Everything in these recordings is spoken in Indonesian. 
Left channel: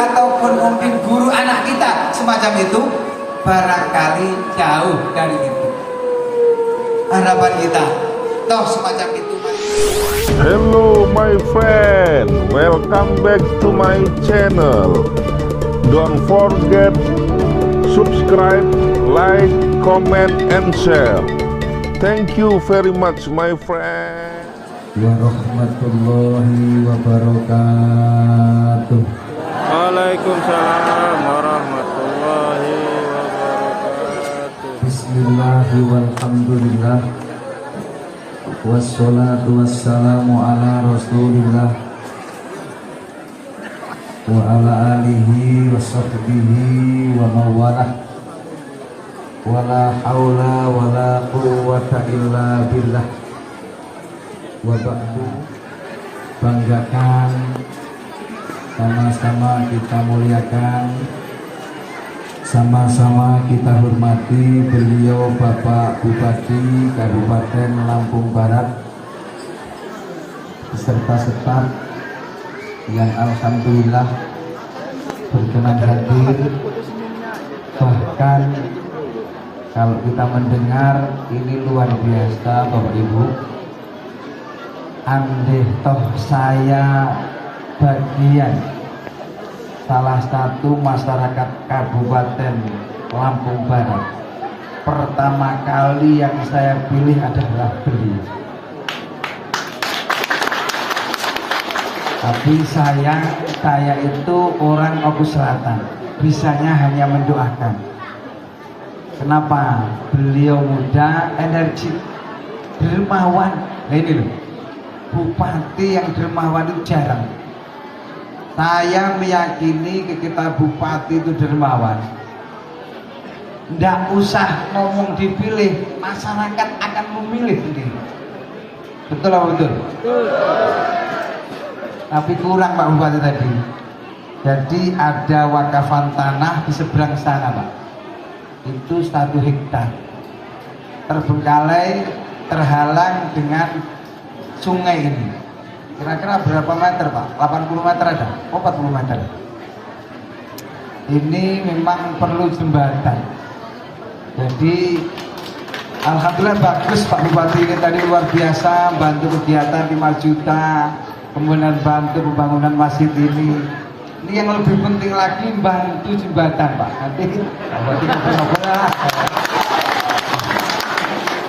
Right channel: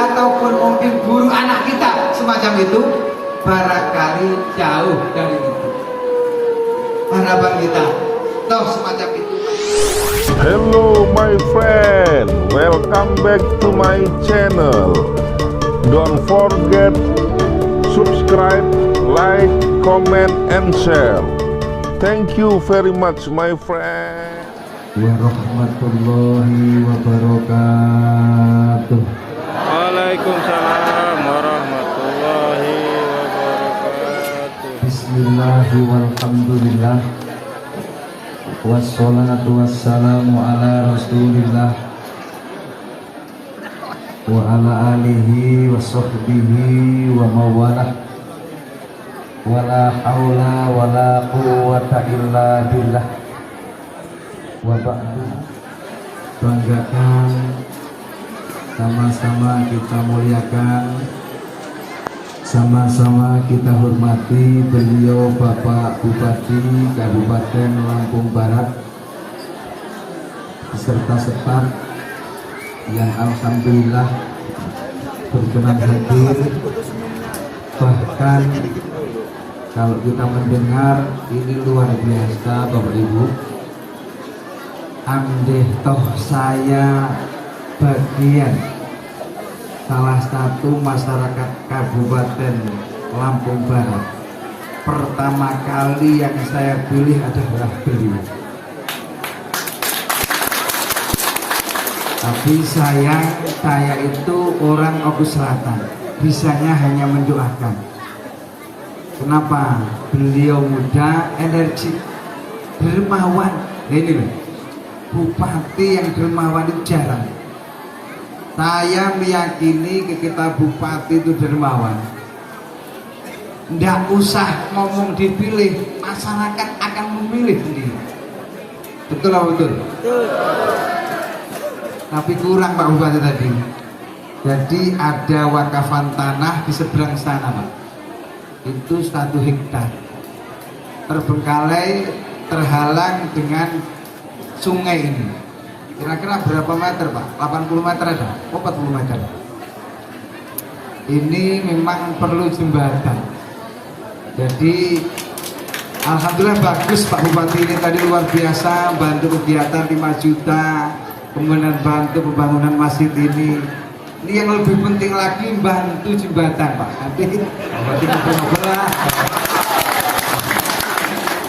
ataupun mungkin guru anak kita semacam itu, barangkali jauh dari itu. Harapan kita toh semacam itu. Hello my friend, welcome back to my channel. Don't forget subscribe, like, comment, and share. Thank you very much my friend. Warahmatullahi wabarakatuh. Waalaikumsalam warahmatullahi wabarakatuh. Bismillahi walhamdulillah, wassalatu wassalamu ala rasulillah wa ala alihi wa sahbihi wa mawalah, wa la hawla wa la quwwata illa billah. Wa ba'du, banggakan, sama-sama kita muliakan, sama-sama kita hormati beliau Bapak Bupati Kabupaten Lampung Barat beserta staf yang alhamdulillah berkenan hadir. Bahkan kalau kita mendengar ini luar biasa Bapak Ibu, andai toh saya bagian salah satu masyarakat Kabupaten Lampung Barat, pertama kali yang saya pilih adalah beliau. Tapi saya itu orang Oku Selatan, bisanya hanya mendoakan. Kenapa? Beliau muda, energi, dermawan. Nah ini loh, bupati yang dermawan itu jarang. Saya meyakini kita bupati itu dermawan, nggak usah ngomong dipilih, masyarakat akan memilih sendiri. Betul apa betul? Tapi kurang Pak Bupati tadi. Jadi ada wakafan tanah di seberang sana Pak, itu 1 hektar, terbengkalai, terhalang dengan sungai ini. Kira-kira berapa meter Pak? 80 meter ada? Oh 40 meter. Ini memang perlu jembatan. Jadi alhamdulillah bagus Pak Bupati ini tadi luar biasa, bantu kegiatan 5 juta, kemudian bantu pembangunan masjid ini. Ini yang lebih penting lagi bantu jembatan Pak.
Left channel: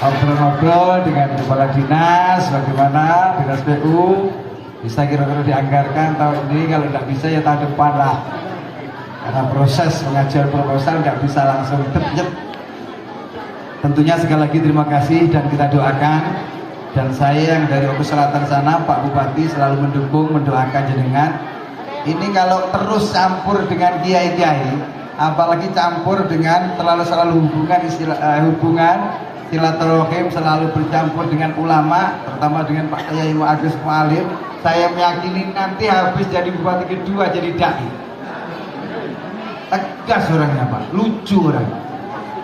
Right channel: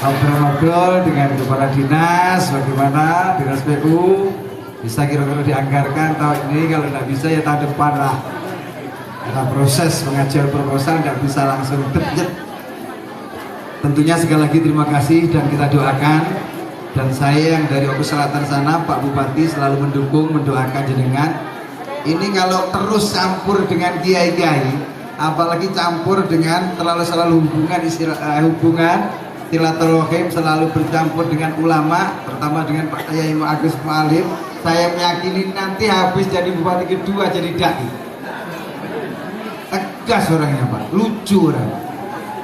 Nanti ngobrol dengan kepala dinas, bagaimana dinas PU bisa kira-kira dianggarkan tahun ini. Kalau tidak bisa ya tahun depan lah, karena proses pengajuan proposal tidak bisa langsung terjet. Tentunya sekali lagi terima kasih dan kita doakan, dan saya yang dari Oku Selatan sana Pak Bupati selalu mendukung, mendoakan jenengan. Ini kalau terus campur dengan kiai-kiai, apalagi campur dengan selalu hubungan silaturahim, selalu bercampur dengan ulama, terutama dengan Pak Kiai Agus Mualim, saya meyakini nanti habis jadi bupati kedua jadi dai. Tegas orangnya Pak, lucu orang.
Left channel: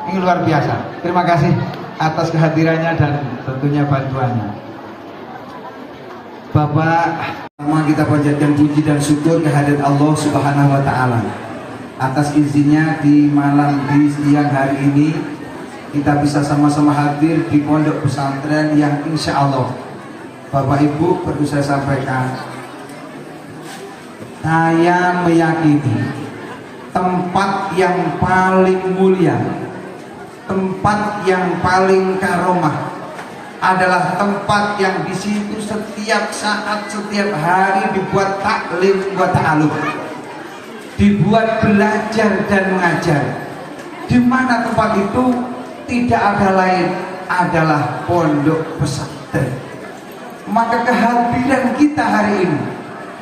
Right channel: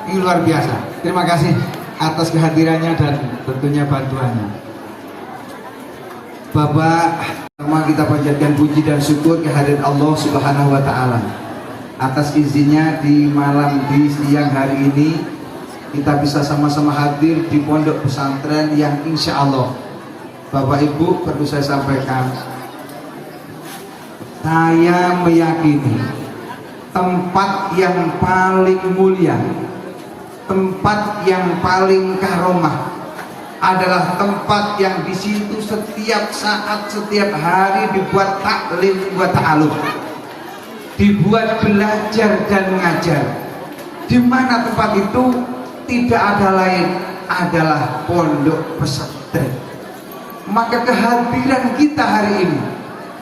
Ini luar biasa. Terima kasih atas kehadirannya dan tentunya bantuannya. Bapak, pertama kita panjatkan puji dan syukur kehadirat Allah Subhanahu wa taala atas izinnya di siang hari ini kita bisa sama-sama hadir di pondok pesantren yang insya Allah, Bapak Ibu, perlu saya sampaikan, saya meyakini tempat yang paling mulia, tempat yang paling karomah adalah tempat yang di situ setiap saat, setiap hari dibuat taklim buat ta'alum, dibuat belajar dan mengajar. Di mana tempat itu? Tidak ada lain, adalah pondok pesantren. Maka kehadiran kita hari ini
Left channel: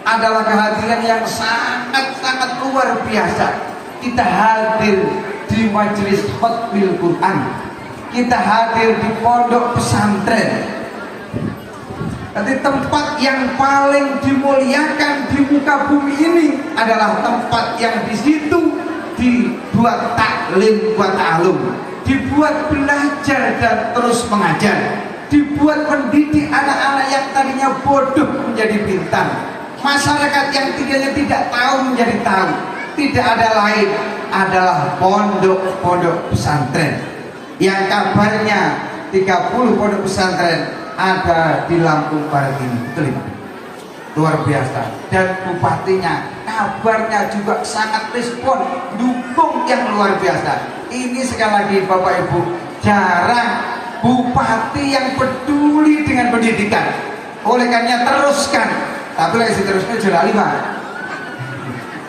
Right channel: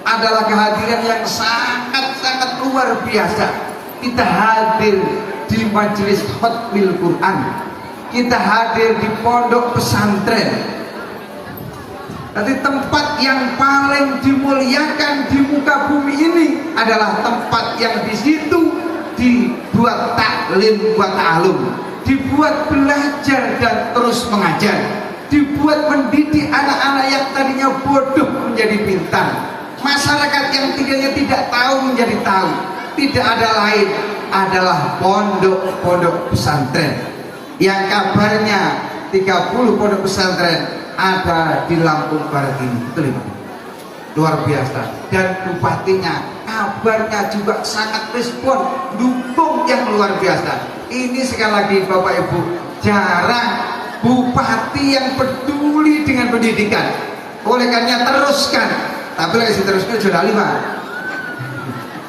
adalah kehadiran yang sangat-sangat luar biasa. Kita hadir di majelis khatmil Quran, kita hadir di pondok pesantren. Jadi tempat yang paling dimuliakan di muka bumi ini adalah tempat yang di situ dibuat taklim buat ta'alum, dibuat belajar dan terus mengajar, dibuat mendidik anak-anak yang tadinya bodoh menjadi pintar, masyarakat yang tidak tahu menjadi tahu, tidak ada lain adalah pondok-pondok pesantren yang kabarnya 30 pondok pesantren ada di Lampung Barat ini. Betul, Pak? Luar biasa. Dan bupatinya kabarnya juga sangat respon, dukung yang luar biasa. Ini sekali lagi Bapak Ibu, jarang bupati yang peduli dengan pendidikan. Oleh karena teruskan, tapi lagi teruskan sudah 5.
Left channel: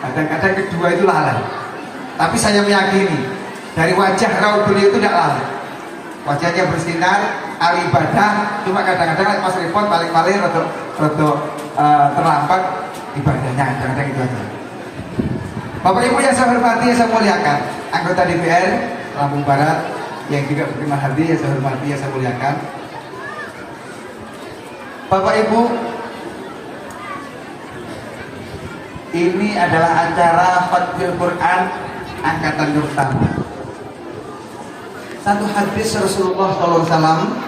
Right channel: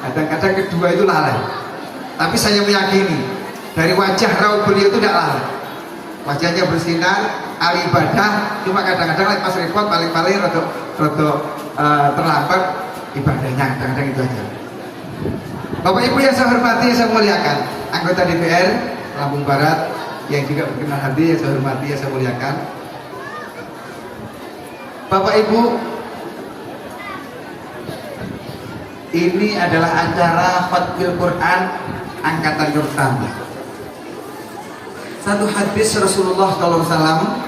Kadang-kadang kedua itu lalai. Tapi saya meyakini dari wajah raut beliau itu tidak lalai. Wajahnya bersinar, ahli ibadah. Cuma kadang-kadang pas repot paling-paling rodo terlambat ibadahnya. Kadang-kadang itu aja. Bapak Ibu yang saya hormati, yang saya muliakan, anggota DPR Lampung Barat yang juga berkenan hadir, yang saya hormati, yang saya muliakan. Bapak Ibu, ini adalah acara Khatmil Quran angkatan pertama. Satu hadis Rasulullah SAW,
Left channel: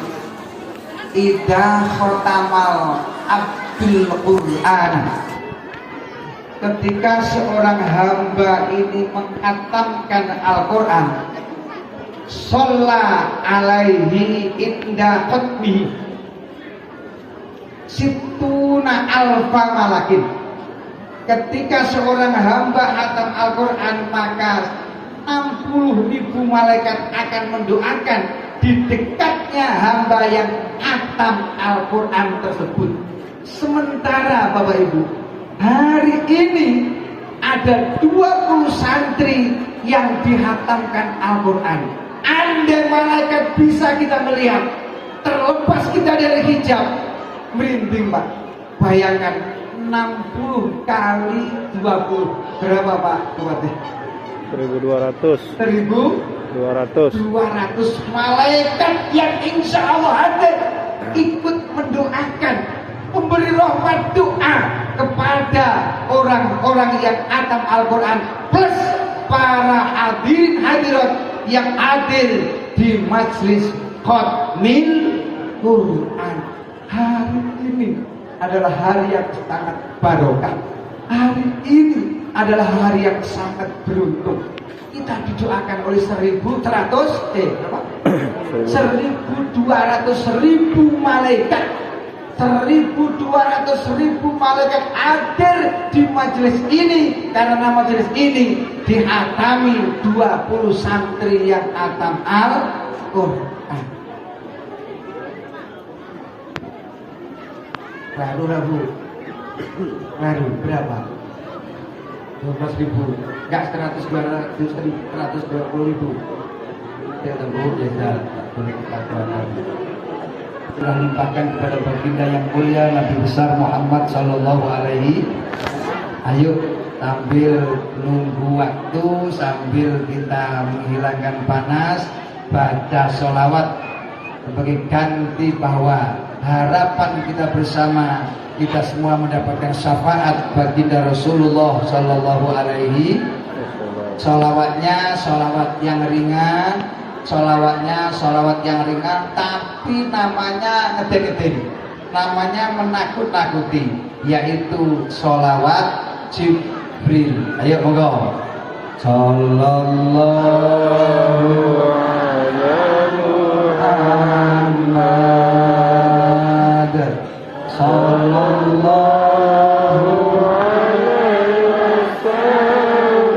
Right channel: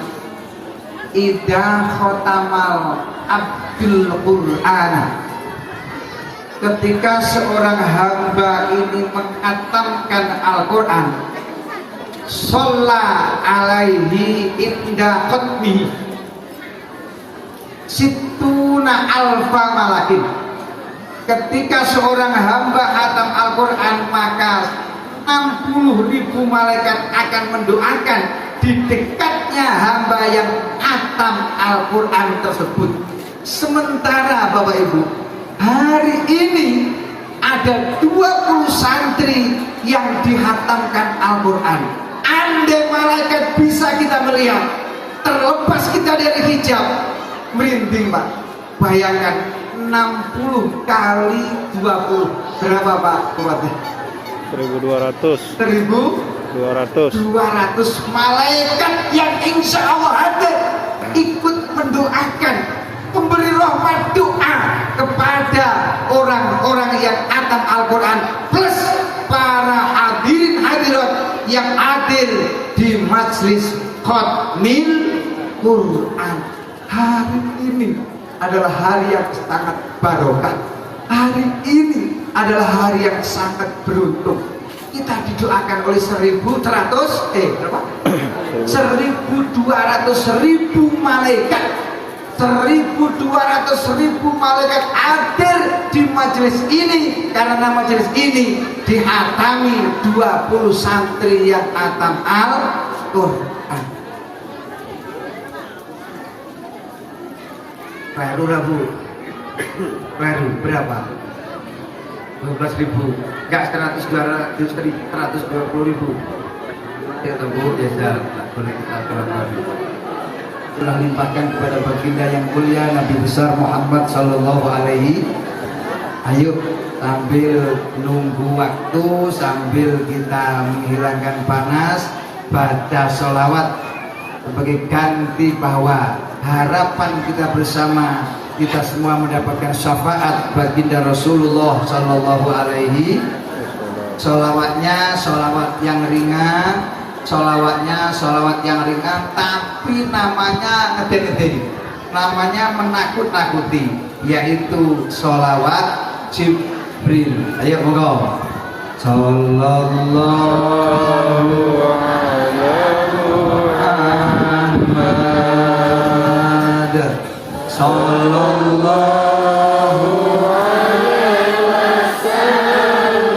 Ida khotamal abdul Quran, ketika seorang hamba ini menghatamkan Al-Quran, sholla alaihi inda khutmi situna alfa malakin. Ketika seorang hamba hatam Al-Quran, maka 60.000 malaikat akan mendoakan di dekatnya hamba yang hatam Al-Quran tersebut. Sementara Bapak Ibu, hari ini ada 20 santri yang dihatamkan Al-Quran. Andai malaikat bisa kita melihat, terlepas kita dari hijab, merinding Pak. Bayangkan 60 kali 20 berapa Pak Bupati? 1.200 malaikat yang insya Allah hadir ikut mendoakan, memberi rahmat doa kepada orang-orang yang hatam Al-Quran, plus para hadirin hadirat yang hadir di majlis Khatmil Quran. Hari ini adalah hari yang sangat barokah. Hari ini adalah hari yang sangat beruntung. Kita didoakan oleh 1.200.000 malaikat. 1.200.000 malaikat hadir di majelis ini, karena majelis ini dihatami 20 santri yang hatam Al-Quran. Baru Rabu, baru berapa? 12.000, enggak 120.000. Ya tunggu ya, boleh kita keluarkan. Telah limpahkan kepada baginda yang mulia Nabi besar Muhammad Sallallahu Alaihi. Ayo sambil nunggu waktu, sambil kita menghilangkan panas, baca sholawat sebagai ganti bahwa harapan kita bersama, kita semua mendapatkan syafaat baginda Rasulullah Sallallahu Alaihi. Sholawatnya sholawat yang ringan, sholawatnya sholawat yang ringan, tapi namanya ngeden-ngeden, namanya menakut-nakuti, yaitu sholawat Jibril. Ayo monggo. Sallallahu alaihi Muhammad, sallallahu alaihi wasallam,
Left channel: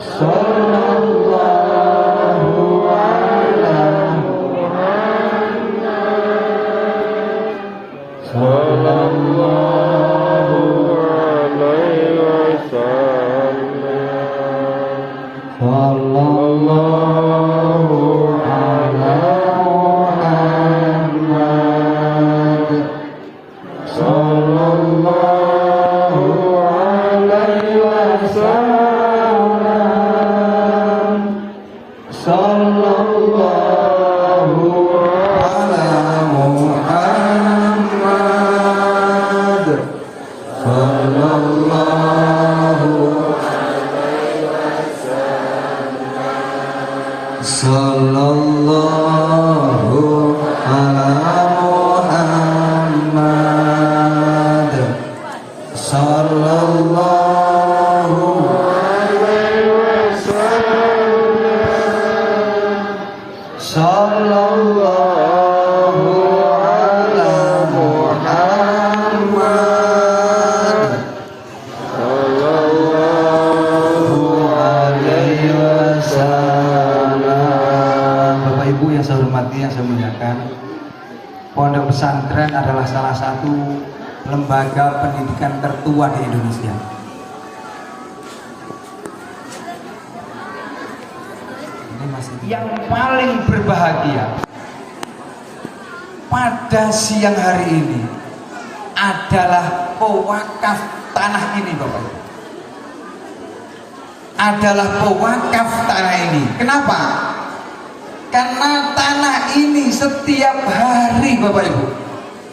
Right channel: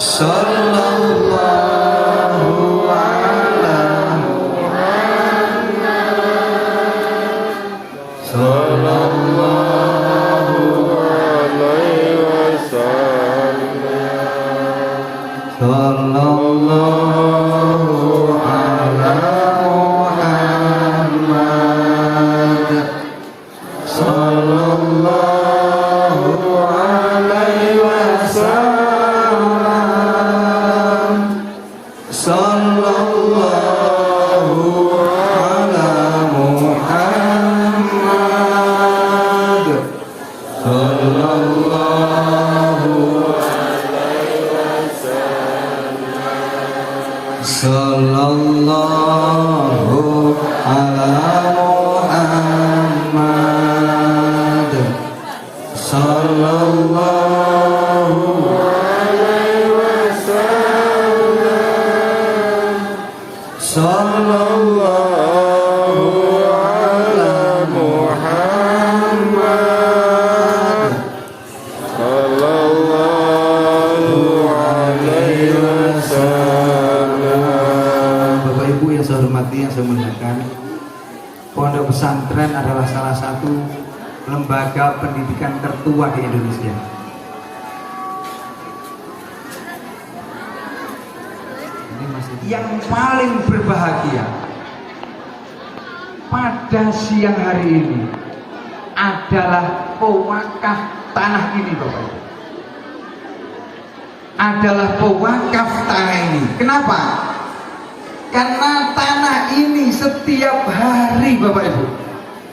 sallallahu ala Muhammad, sallallahu sallallahu ala Muhammad, sallallahu alaihi wasallam, sallallahu ala Muhammad, sallallahu ala Muhammad, sallallahu adalah salah satu lembaga pendidikan tertua di Indonesia. Yang paling berbahagia pada siang hari ini adalah pewakaf tanah ini, Bapak Ibu. Adalah pewakaf tanah ini. Kenapa? Karena tanah ini setiap hari, Bapak Ibu,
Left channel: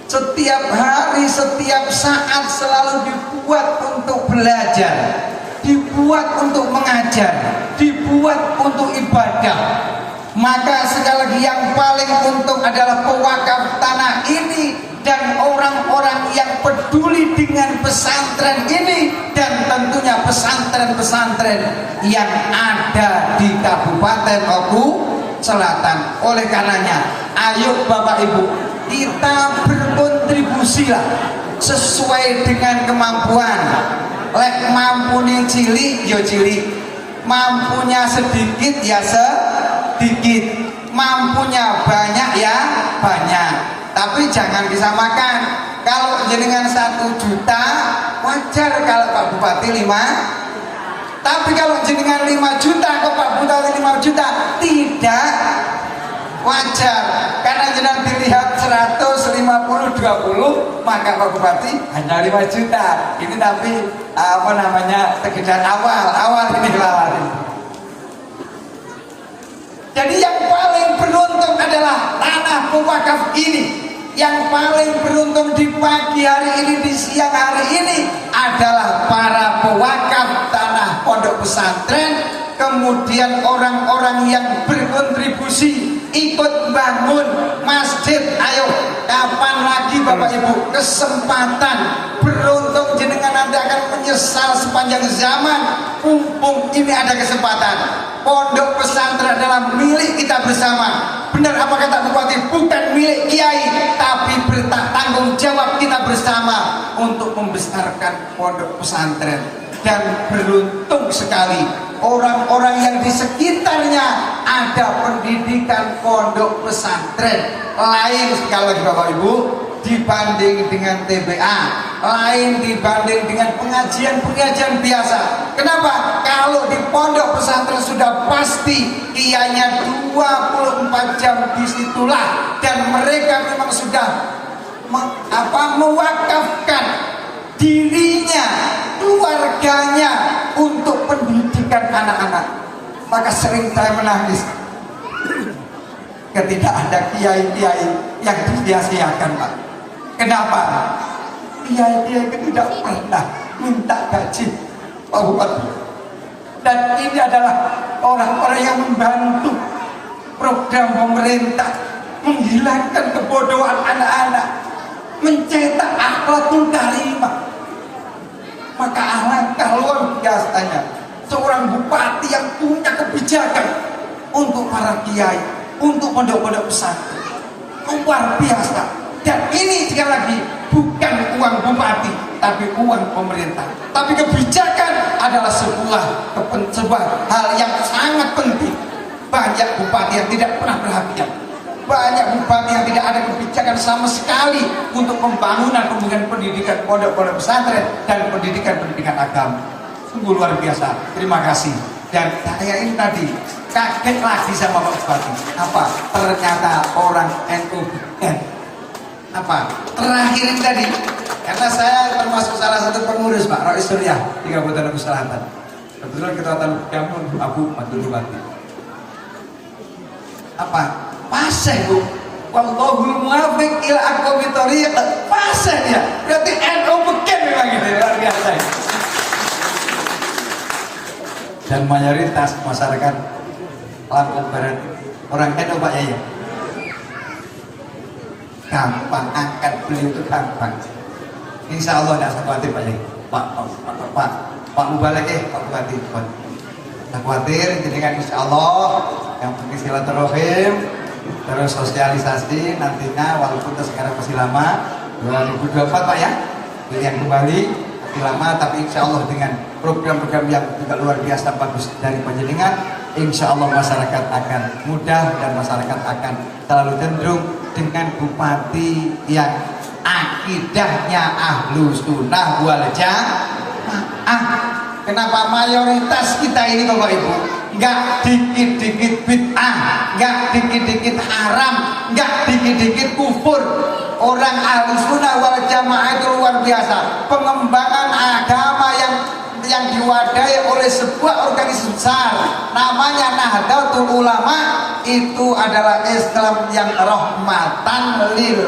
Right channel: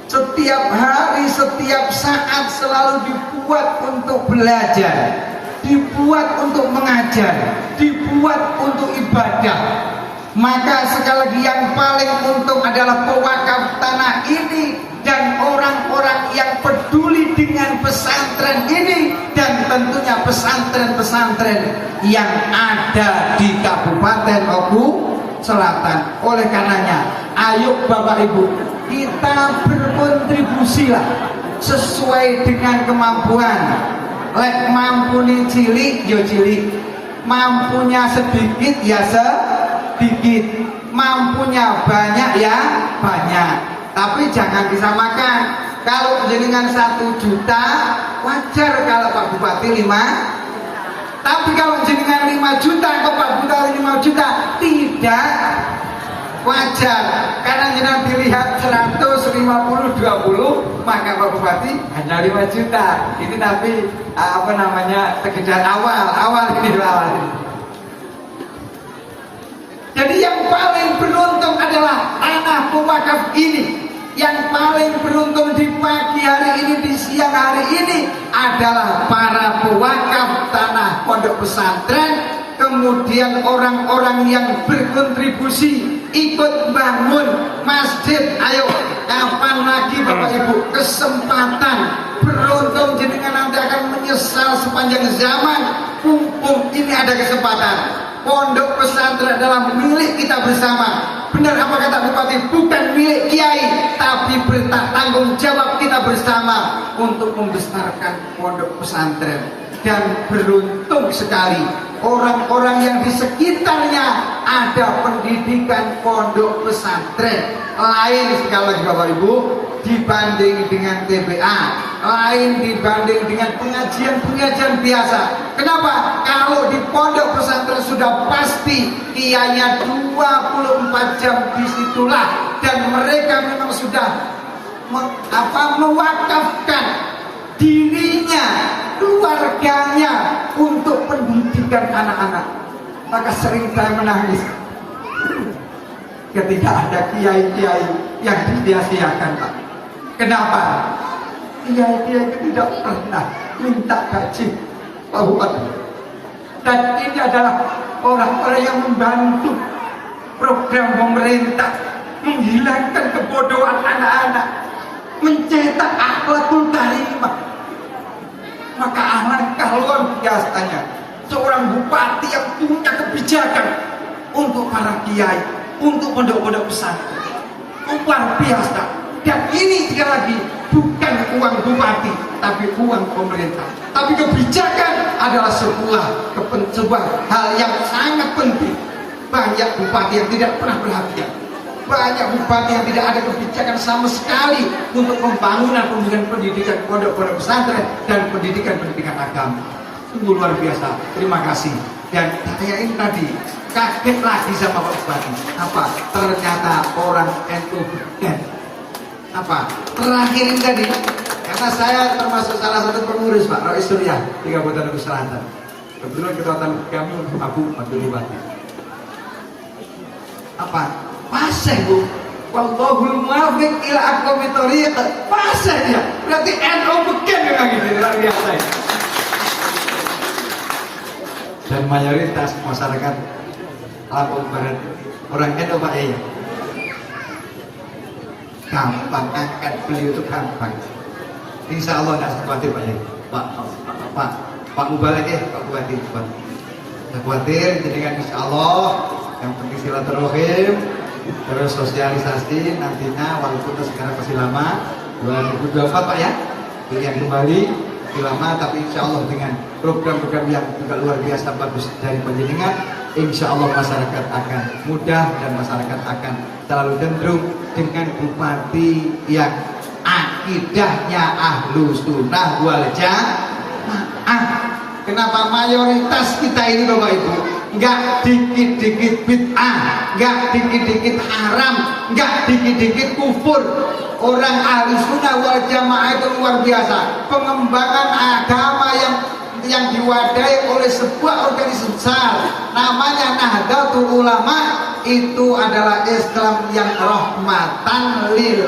setiap hari, setiap saat selalu dibuat untuk belajar, dibuat untuk mengajar, dibuat untuk ibadah. Maka sekali lagi yang paling untung adalah pewakaf tanah ini dan orang-orang yang peduli dengan pesantren ini, dan tentunya pesantren-pesantren yang ada di Kabupaten Oku Selatan. Oleh karenanya, ayo Bapak Ibu, kita berkontribusilah sesuai dengan kemampuan. Lek mampunya cilik, yo cilik. Mampunya sedikit, ya sedikit. Mampunya banyak, ya banyak. Tapi jangan disamakan. Kalau jenengan 1 juta, wajar kalau Pak Bupati 5. Tapi kalau jenengan 5 juta ke Pak Bupati 5 juta, tidak wajar. Karena jenengan dilihat 150-20, maka Pak Bupati hanya 5 juta. Ini tapi sekedar awal ini lawan. Jadi yang paling beruntung adalah tanah pewakaf ini. Yang paling beruntung di pagi hari ini, di siang hari ini adalah para pewakaf tanah pondok pesantren, kemudian orang-orang yang berkontribusi ikut bangun masjid. Ayo, kapan lagi Bapak Ibu kesempatan, beruntung jenengan nanti akan menyesal sepanjang zaman. Mumpung ini ada kesempatan. Pondok pesantren adalah milik kita bersama. Benar apa kata Bupati? Bukan milik kiai, tapi bertanggung jawab kita bersama untuk membesarkan pondok pesantren. Dan beruntung sekali orang-orang yang di sekitarnya ada pendidikan pondok pesantren. Lain sekali lagi Bapak Ibu, dibanding dengan TBA, lain dibanding dengan pengajian-pengajian biasa. Kenapa? Kalau di pondok pesantren sudah pasti kiainya 24 jam disitulah, dan mereka memang sudah mewakafkan dirinya, keluarganya untuk pendidikan anak-anak. Maka sering saya menangis ketika ada kiai-kiai yang disia-siakan, Pak. Kenapa? Kiai-kiai tidak pernah minta gaji, Pak Bupati. Dan ini adalah orang-orang yang membantu program pemerintah menghilangkan kebodohan anak-anak, mencetak akhlakul karimah. Maka alangkah luar biasanya seorang bupati yang punya kebijakan untuk para kiai, untuk pondok-pondok pesantren. Luar biasa. Dan ini sekali lagi bukan uang bupati, tapi uang pemerintah. Tapi kebijakan adalah sebuah hal yang sangat penting. Banyak bupati yang tidak pernah perhatian. Banyak bupati yang tidak ada kebijakan sama sekali untuk pembangunan pendidikan pondok-pondok pesantren dan pendidikan agama. Sungguh luar biasa. Terima kasih. Dan saya ini tadi kaget lagi sama Pak Bupati. Apa? Ternyata orang NU. Terakhir ini tadi, karena saya termasuk salah satu pengurus Pak Rois Surya di Kabupaten Oku Selatan. Kebetulan ketua kami Abu Mantul Bupati. Paseh Bu. Wallahul muwaffiq ila aqwamit thoriq. Paseh dia. Berarti NU beken memang gitu, luar biasa. Dan mayoritas masyarakat Lampung Barat orang NU Pak Yaya. Gampang angkat beliau itu gampang. Insya Allah tidak khawatir Pak Yai. Pak Mubalek Pak Bupati. Tidak khawatir, jadi insya Allah yang penting silaturahim, terus sosialisasi nantinya walaupun sekarang masih lama 2024 Pak ya, pilihan kembali masih lama, tapi insya Allah dengan program-program yang juga luar biasa bagus dari panjenengan, insya Allah masyarakat akan mudah dan masyarakat akan selalu cenderung dengan bupati yang akidahnya ahlu sunnah wal jamaah. Kenapa mayoritas kita ini Bapak Ibu nggak dikit-dikit bid'ah, nggak dikit-dikit haram, nggak dikit-dikit kufur. Orang ahlu sunnah wal jamaah itu luar biasa. Pengembangan agama yang diwadahi oleh sebuah organisasi besar namanya Nahdlatul Ulama, itu adalah Islam yang rahmatan lil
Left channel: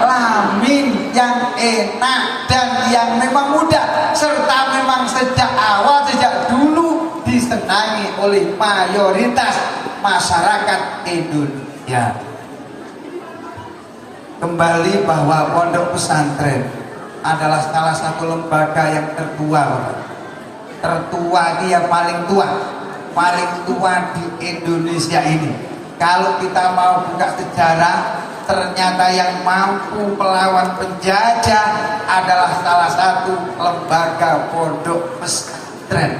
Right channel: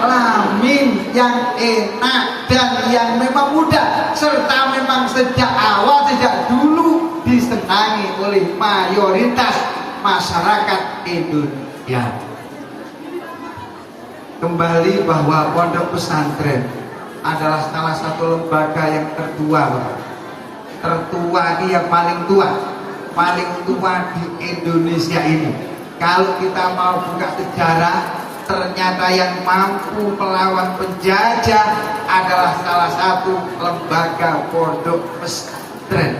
alamin, yang enak dan yang memang mudah, serta memang sejak awal, sejak dulu disenangi oleh mayoritas masyarakat Indonesia. Kembali bahwa pondok pesantren adalah salah satu lembaga yang tertua ini, yang paling tua di Indonesia ini. Kalau kita mau buka sejarah, ternyata yang mampu melawan penjajah adalah salah satu lembaga pondok pesantren.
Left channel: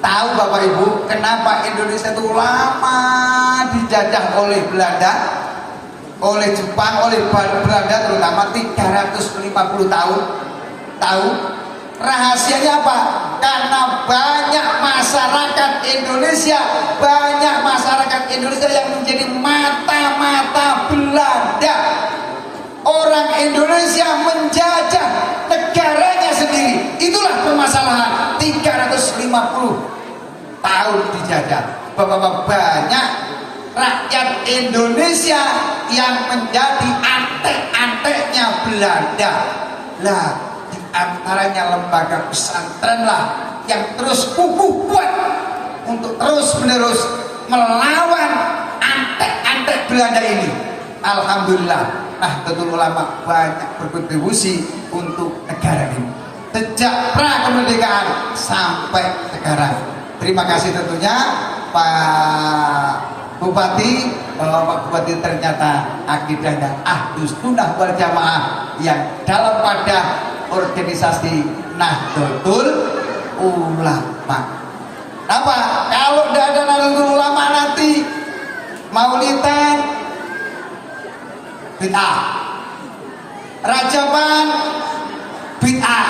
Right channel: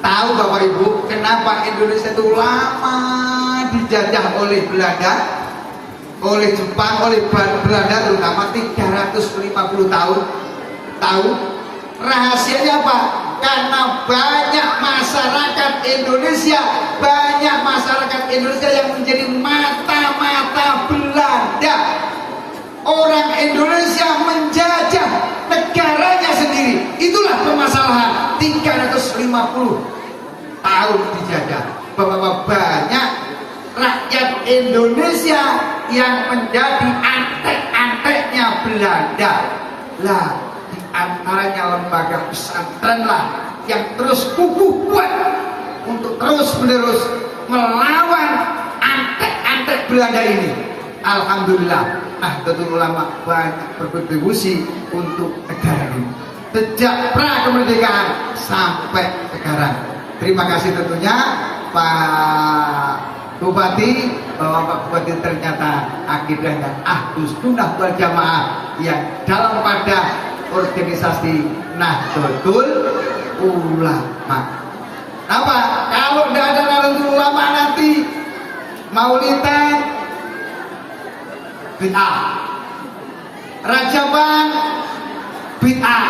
Tahu Bapak Ibu kenapa Indonesia itu lama dijajah oleh Belanda, oleh Jepang, oleh Belanda terutama 350 tahun? Tahu? Rahasianya apa? Karena banyak masyarakat Indonesia yang menjadi mata-mata Belanda. Orang Indonesia menjajah negaranya sendiri. Itulah permasalahan 350 tahun dijajah. Bahwa banyak rakyat Indonesia yang menjadi antek-anteknya Belanda. Lah, di antaranya lembaga pesantren lah yang terus kukuh kuat untuk terus-menerus melawan antek-antek Belanda ini. Alhamdulillah, Nahdlatul Ulama banyak berkontribusi untuk negara ini sejak pra kemerdekaan sampai sekarang. Terima kasih tentunya Pak Bupati, Pak Bupati ternyata akidahnya Ahlus Sunnah wal Jamaah yang dalam pada organisasi Nahdlatul Ulama. Apa? Kalau tidak ada Nahdlatul Ulama nanti Maulidan bid'ah, Rajaban bid'ah,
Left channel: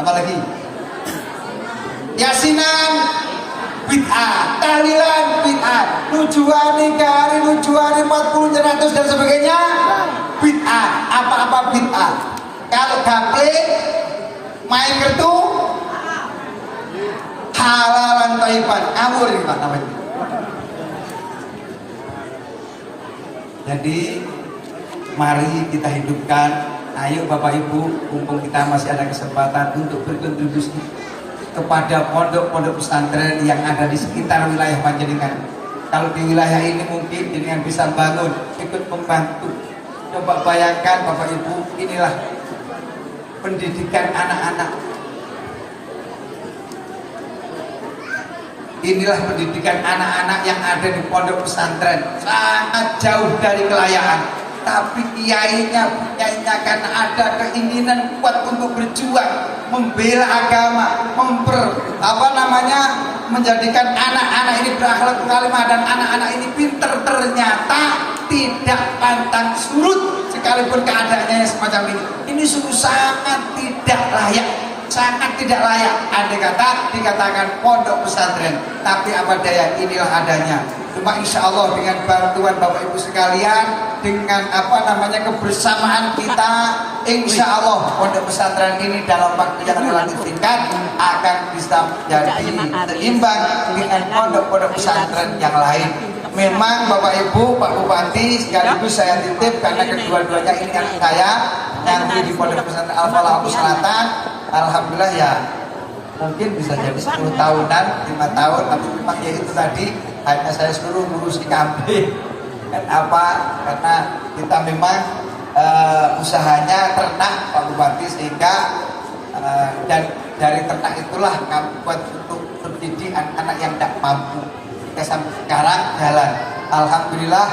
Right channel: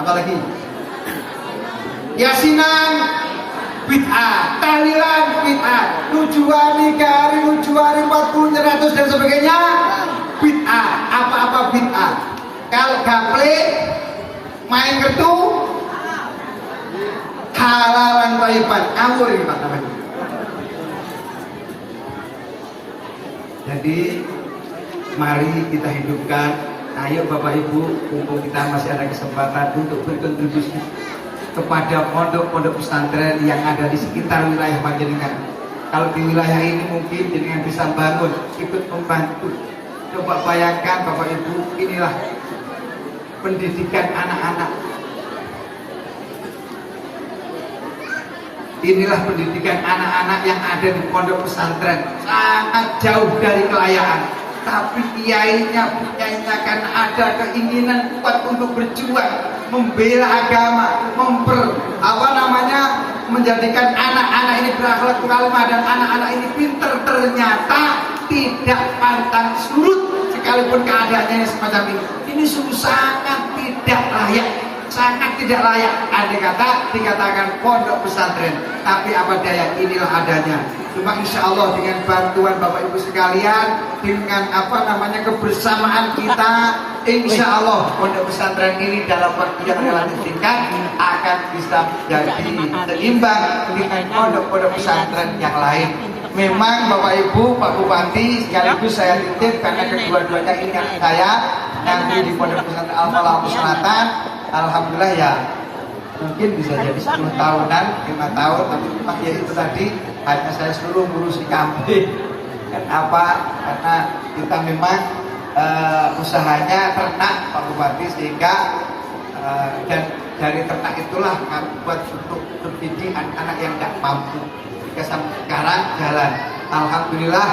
apa lagi? Yasinan bid'ah, tahlilan bid'ah, nujuan nikah, nujuan 40 100 dan sebagainya bid'ah. Apa-apa bid'ah. Kalau gaple main kartu halalan thayyiban, ngawur ini Pak namanya. Jadi mari kita hidupkan. Ayo Bapak Ibu, mumpung kita masih ada kesempatan untuk berkontribusi kepada pondok-pondok pesantren yang ada di sekitar wilayah Panjenengan. Kalau di wilayah ini mungkin Jenengan bisa bangun, ikut membantu. Coba bayangkan Bapak Ibu, inilah pendidikan anak-anak. Inilah pendidikan anak-anak yang ada di pondok pesantren. Sangat jauh dari kelayaan. Tapi kiainya karena ada keinginan kuat untuk berjuang, membela agama, menjadikan anak-anak ini berakhlak karimah dan anak-anak ini pinter, ternyata tidak pantang surut sekalipun keadaannya semacam ini. Ini sungguh sangat tidak layak. Sangat tidak layak andai kata dikatakan pondok pesantren. Tapi apa daya, inilah adanya. Cuma insya Allah dengan bantuan Bapak Ibu sekalian, dengan kebersamaan kita, insya Allah pondok pesantren ini dalam waktu yang relatif singkat akan bisa menjadi seimbang dengan pondok-pondok pesantren yang lain. Memang Bapak Ibu, Pak Bupati, sekaligus saya titip karena kedua-duanya ini kan saya yang di pondok pesantren Al-Falah Selatan. Alhamdulillah ya, mungkin bisa jadi 10 tahunan, 5 tahun, tapi memang ya itu tadi hanya saya suruh ngurusi kambing. Karena kita memang usahanya ternak Pak Bupati, sehingga dan dari ternak itulah kami buat untuk mendidik anak-anak yang tidak mampu. Sampai sekarang jalan. Alhamdulillah,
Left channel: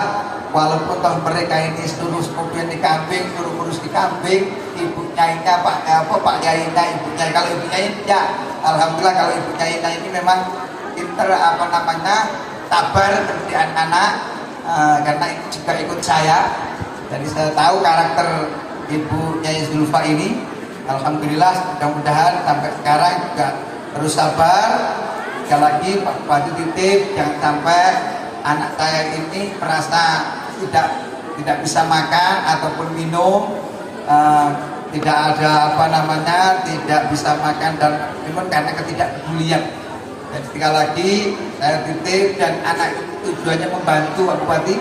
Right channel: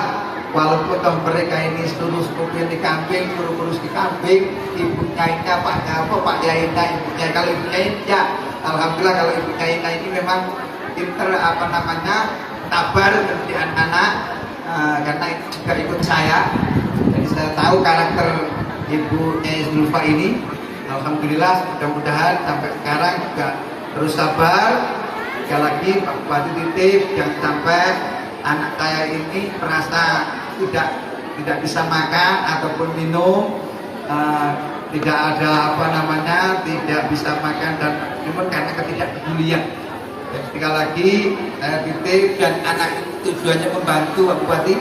walaupun toh mereka ini seluruh kemudian di kambing, urus di kambing, ibu nyainya Pak Yainya, ibunya, kalau ibunya ya alhamdulillah, kalau ibunya ini memang pinter tabar mendidik anak, karena itu juga ikut saya, jadi saya tahu karakter Ibu Nyai Zulfa ini. Alhamdulillah mudah-mudahan sampai sekarang juga terus sabar. Sekali lagi Pak Bupati titip jangan sampai anak saya ini merasa tidak bisa makan ataupun minum, tidak ada tidak bisa makan dan minum karena ketidakpedulian. Dan sekali lagi saya titip dan anak itu tujuannya membantu Pak Bupati,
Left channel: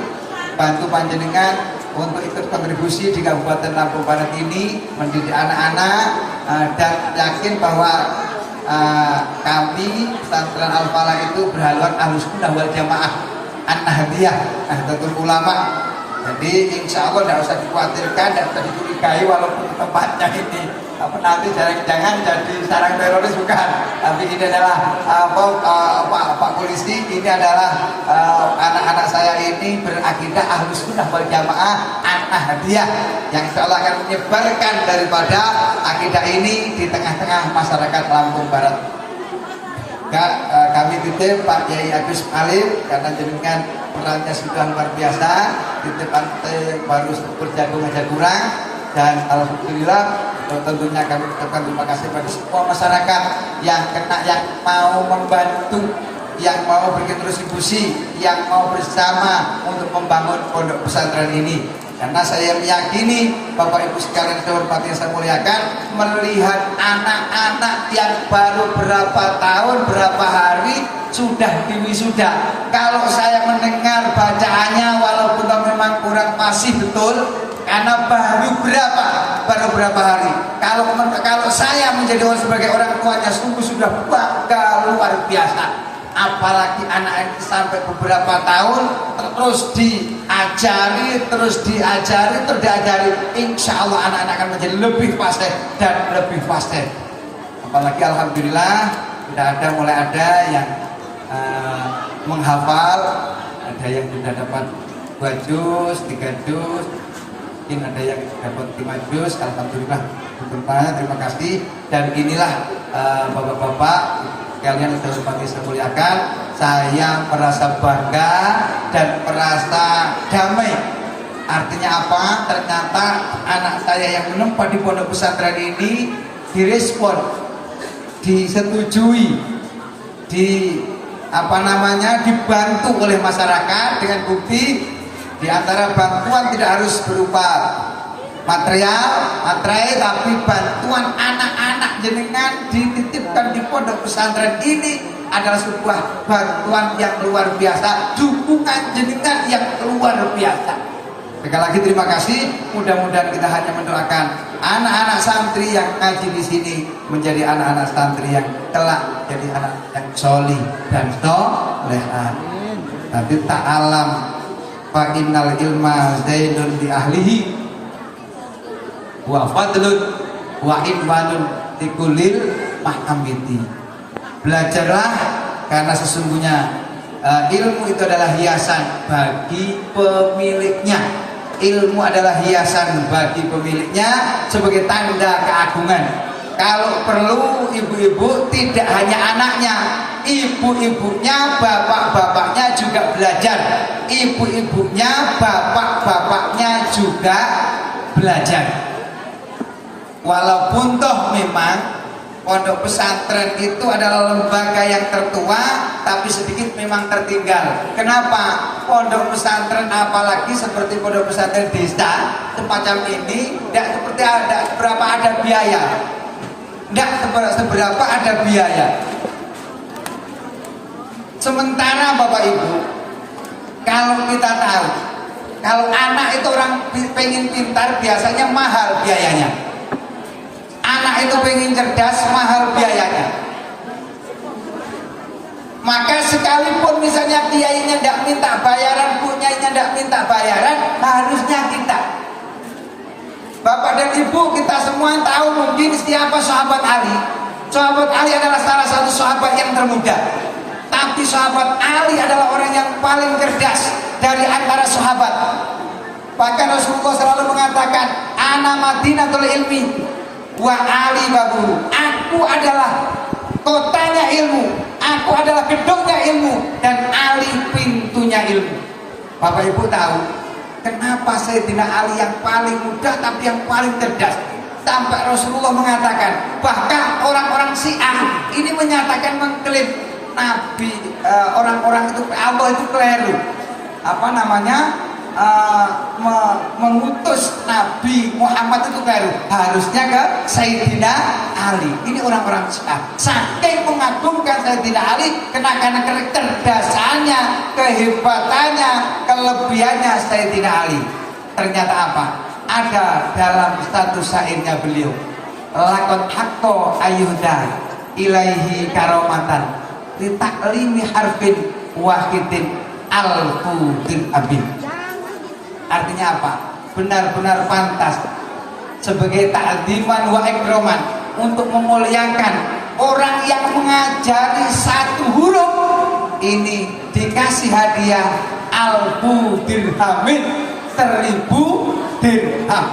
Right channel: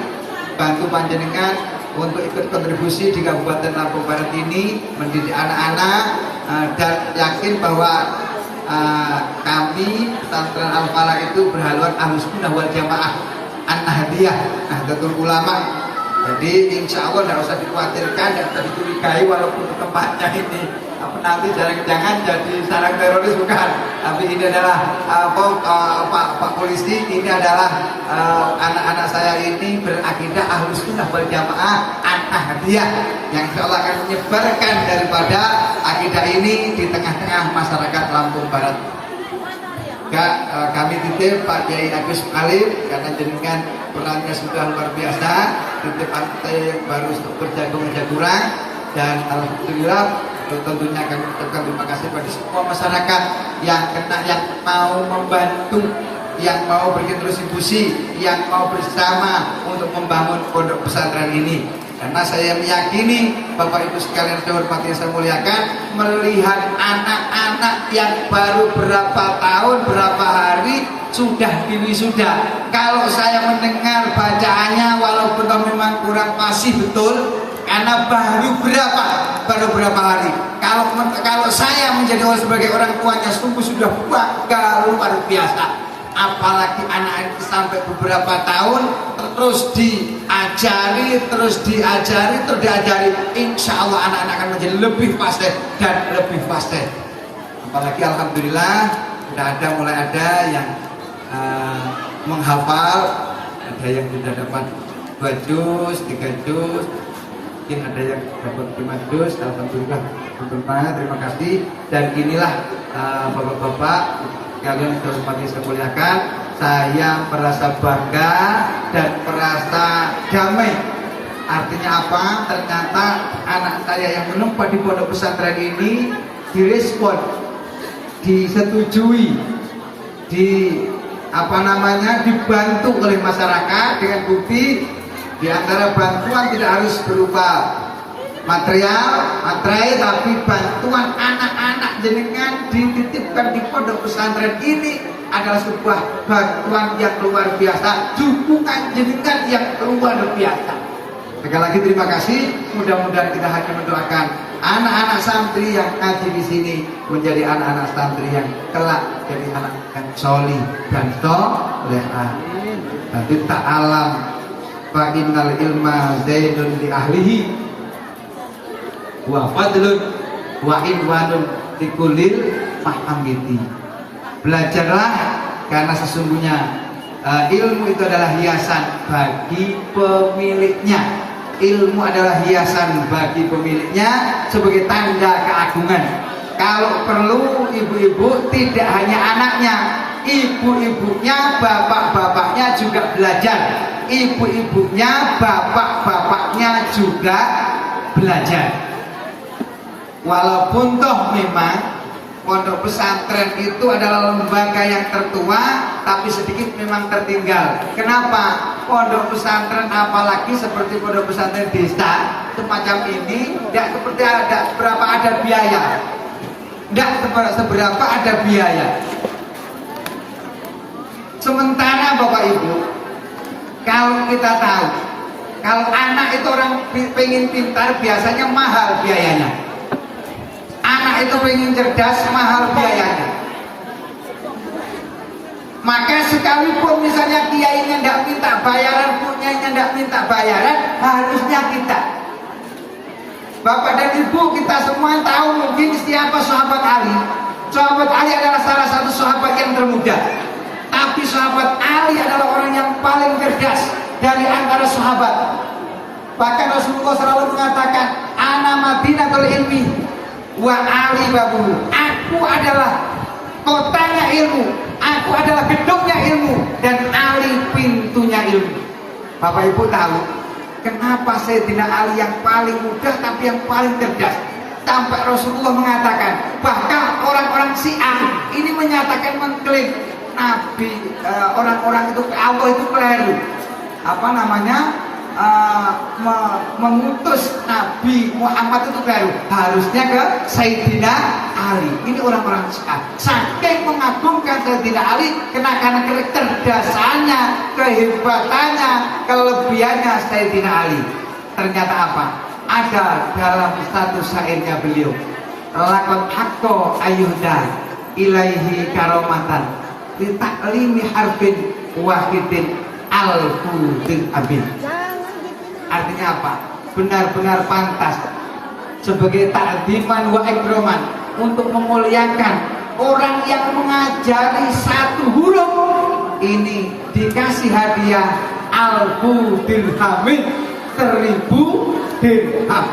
bantu panjenengan untuk ikut kontribusi di Kabupaten Lampung Barat ini mendidik anak-anak, dan yakin bahwa kami pesantren Al-Falah itu berhaluan Ahlussunnah wal Jamaah An-Nahdliyah Nahdlatul Ulama. Jadi insya Allah tidak usah dikhawatirkan, tidak usah dicurigai walaupun tempatnya ini nanti jangan jadi sarang teroris, bukan. Tapi ini adalah Pak Polisi, ini adalah anak-anak saya ini berakidah Ahlussunnah wal Jamaah An-Nahdliyah yang insya Allah akan menyebarkan daripada akidah ini di tengah-tengah masyarakat Lampung Barat. Kami titip Pak Kiai Agus Alif karena jenengan perannya sudah luar biasa, titip pantai baru berjagung aja kurang, dan alhamdulillah tentunya kami ucapkan terima kasih pada semua masyarakat yang mau membantu, yang mau berkontribusi, yang mau bersama untuk membangun pondok pesantren ini. Karena saya meyakini Bapak Ibu sekalian yang hormati saya muliakan, melihat anak-anak yang baru berapa tahun, berapa hari sudah diwisuda. Kalau saya mendengar bacaannya walaupun memang kurang fasih betul, karena baru berapa hari. Kalau saya menjadi sebagai orang tuanya sungguh sudah luar biasa. Apalagi anak ini sampai beberapa tahun terus diajari, insya Allah anak-anak akan menjadi lebih fasih dan lebih fasih. Apalagi alhamdulillah mulai ada yang menghafal, ada yang sudah dapat 2 juz, 3 juz, mungkin ada yang dapat 5 juz. Alhamdulillah, terima kasih. Dan inilah bapak-bapak kalian yang hormati saya muliakan, saya merasa bangga dan merasa damai. Artinya apa? Ternyata anak saya yang menempat di pondok pesantren ini direspon, disetujui, dibantu oleh masyarakat dengan bukti di antara bantuan tidak harus berupa material, tapi bantuan anak-anak jenengan dititipkan di pondok pesantren ini adalah sebuah bantuan yang luar biasa, dukungan jenengan yang luar biasa. Sekali lagi terima kasih. Mudah-mudahan kita hanya mendoakan anak-anak santri yang ngaji di sini menjadi anak-anak santri yang kelak jadi anak yang solih dan solehan. Tapi ta'alam fa innal ilma zaidun di ahlihi wa fadlun wa inwanun dikulil mahkamiti. Belajarlah karena sesungguhnya ilmu itu adalah hiasan bagi pemiliknya. Ilmu adalah hiasan bagi pemiliknya sebagai tanda keagungan. Kalau perlu ibu-ibu tidak hanya anaknya, ibu-ibunya, bapak-bapaknya juga belajar. Ibu-ibunya, bapak-bapaknya juga belajar. Walaupun toh memang pondok pesantren itu adalah lembaga yang tertua, tapi sedikit memang tertinggal. Kenapa? Pondok pesantren apalagi seperti pondok pesantren desa semacam ini tidak seperti ada biaya. Tidak seberapa ada biaya. Sementara Bapak Ibu, kalau kita tahu, kalau anak itu orang pengen pintar biasanya mahal biayanya. Anak itu pengen cerdas, mahal biayanya. Maka sekalipun misalnya kiainya tidak minta bayaran, punyanya tidak minta bayaran, harusnya kita, Bapak dan Ibu, kita semua tahu mungkin siapa sahabat Ali. Sahabat Ali adalah salah satu sahabat yang termuda. Tapi sahabat Ali adalah orang yang paling cerdas dari antara sahabat. Bahkan Rasulullah selalu mengatakan, ana madinatul ilmi wa Ali babuhu. Aku adalah kotanya ilmu, aku adalah gedungnya ilmu, dan Ali pintunya ilmu. Bapak Ibu tahu, Kenapa Sayyidina Ali yang paling muda tapi yang paling cerdas? Sampai Rasulullah mengatakan, bahkan orang-orang Syiah ini menyatakan mengklaim Nabi, orang-orang itu Allah itu keliru. Apa namanya? Mengutus Nabi Muhammad itu keliru. Harusnya ke Sayyidina Ali. Ini orang-orang Syiah. Saking mengagumkan Sayyidina Ali karena kecerdasannya, kehebatannya, kelebihannya Sayyidina Ali. Ternyata apa? Ada dalam status syairnya beliau, lakot hakko ayuhda ilaihi karomatan litaklimi harfin wahidin al-fudil abin. Artinya apa? Benar-benar pantas sebagai ta'ziman wa ikroman untuk memuliakan orang yang mengajari satu huruf ini dikasih hadiah alfu dirhamin, 1000 dirham.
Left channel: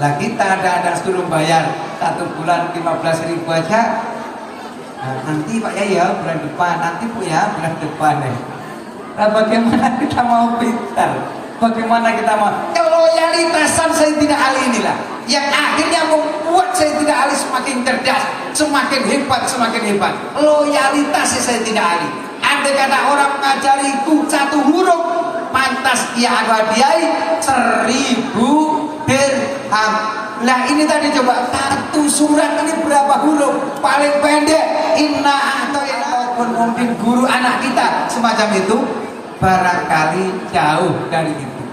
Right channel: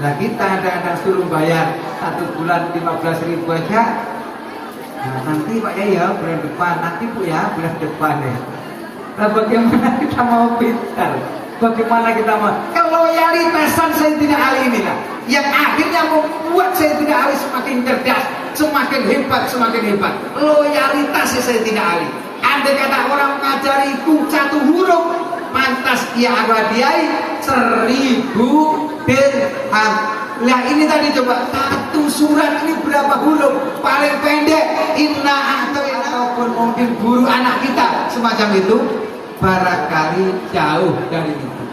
Lah kita ada suruh bayar 1 bulan 15.000 aja. Nah, nanti Pak ya bulan depan, nanti Bu ya bulan depan ya. Nah, bagaimana kita mau pintar? Bagaimana kita mau keloyalitasan Sayyidina Ali inilah yang akhirnya membuat Sayyidina Ali semakin cerdas, semakin hebat, semakin hebat. Loyalitas Sayyidina Ali. Andai kata orang mengajariku satu huruf, pantas ia aku hadiahi 1000 dirham. Nah ini tadi coba satu surat ini berapa huruf? Paling pendek inna atau ataupun mungkin guru anak kita semacam itu barangkali jauh dari itu.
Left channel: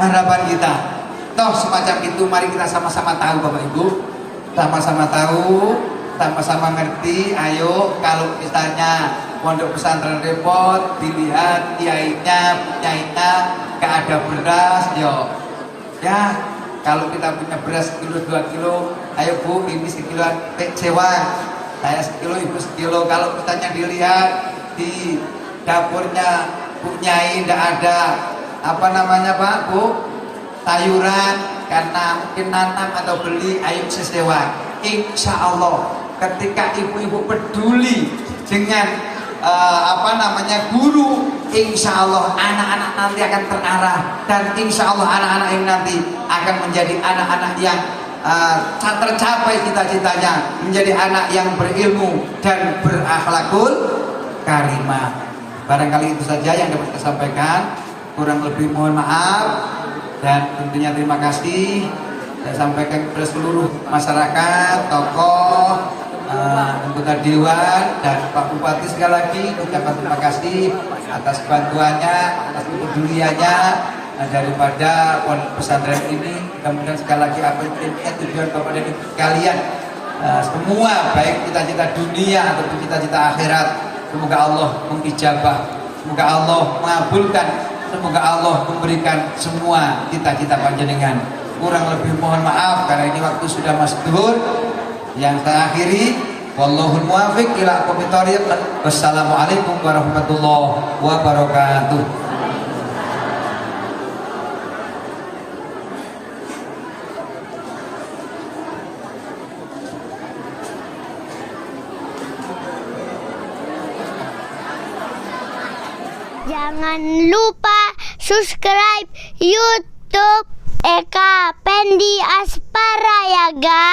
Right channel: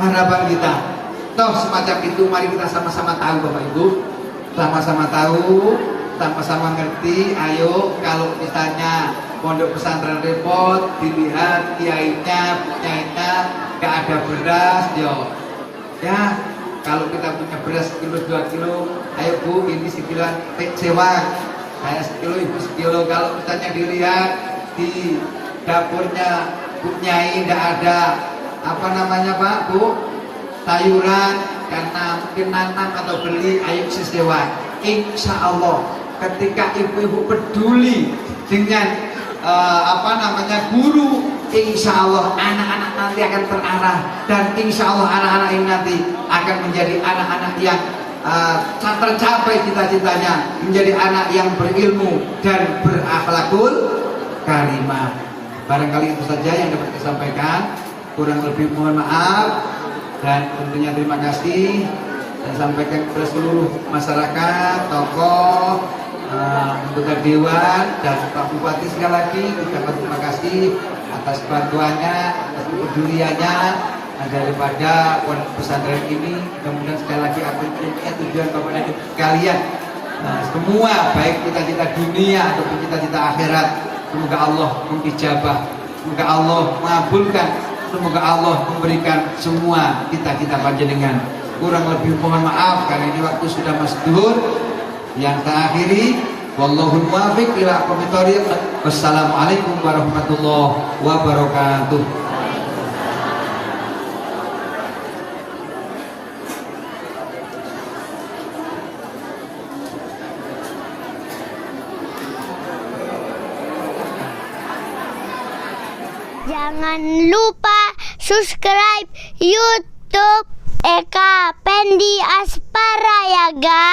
Harapan kita toh semacam itu, mari kita sama-sama tahu Bapak Ibu, sama-sama tahu, sama-sama ngerti. Ayo kalau misalnya pondok pesantren repot, dilihat kiainya gak ada beras, yo ya kalau kita punya beras 1 kilo 2 kilo, ayo Bu ini sekiloan sewa, saya sekilo ibu sekilo. Kalau misalnya dilihat di dapurnya Bu Nyai tidak ada apa namanya Pak Bu sayuran karena mungkin nanam atau beli, ayo sewa. Insya Allah ketika ibu-ibu peduli dengan apa namanya guru, insya Allah anak-anak nanti akan terarah, dan insya Allah anak-anak ini nanti akan menjadi anak-anak yang tercapai cita-citanya, menjadi anak yang berilmu dan berakhlakul karimah. Barangkali itu saja yang dapat saya sampaikan, kurang lebih mohon maaf, dan tentunya terima kasih saya sampaikan kepada seluruh masyarakat, tokoh, anggota dewan dan Pak Bupati. Sekali lagi ucapkan terima kasih atas bantuannya, atas kepeduliannya daripada pondok pesantren ini. Mudah-mudahan sekali lagi apa yang tujuan Bapak dan Ibu sekalian semua, baik cita-cita dunia ataupun cita-cita akhirat, semoga Allah mengijabah, semoga Allah mengabulkan, semoga Allah memberikan semua cita-cita panjenengan. Kurang lebih mohon maaf karena ini waktu sudah masuk zuhur. Yang saya akhiri, wallahul muwaffiq ila aqwamit thoriq. Wassalamualaikum warahmatullahi wabarakatuh. Jangan lupa subscribe YouTube Eka Pendi Aspara ya guys.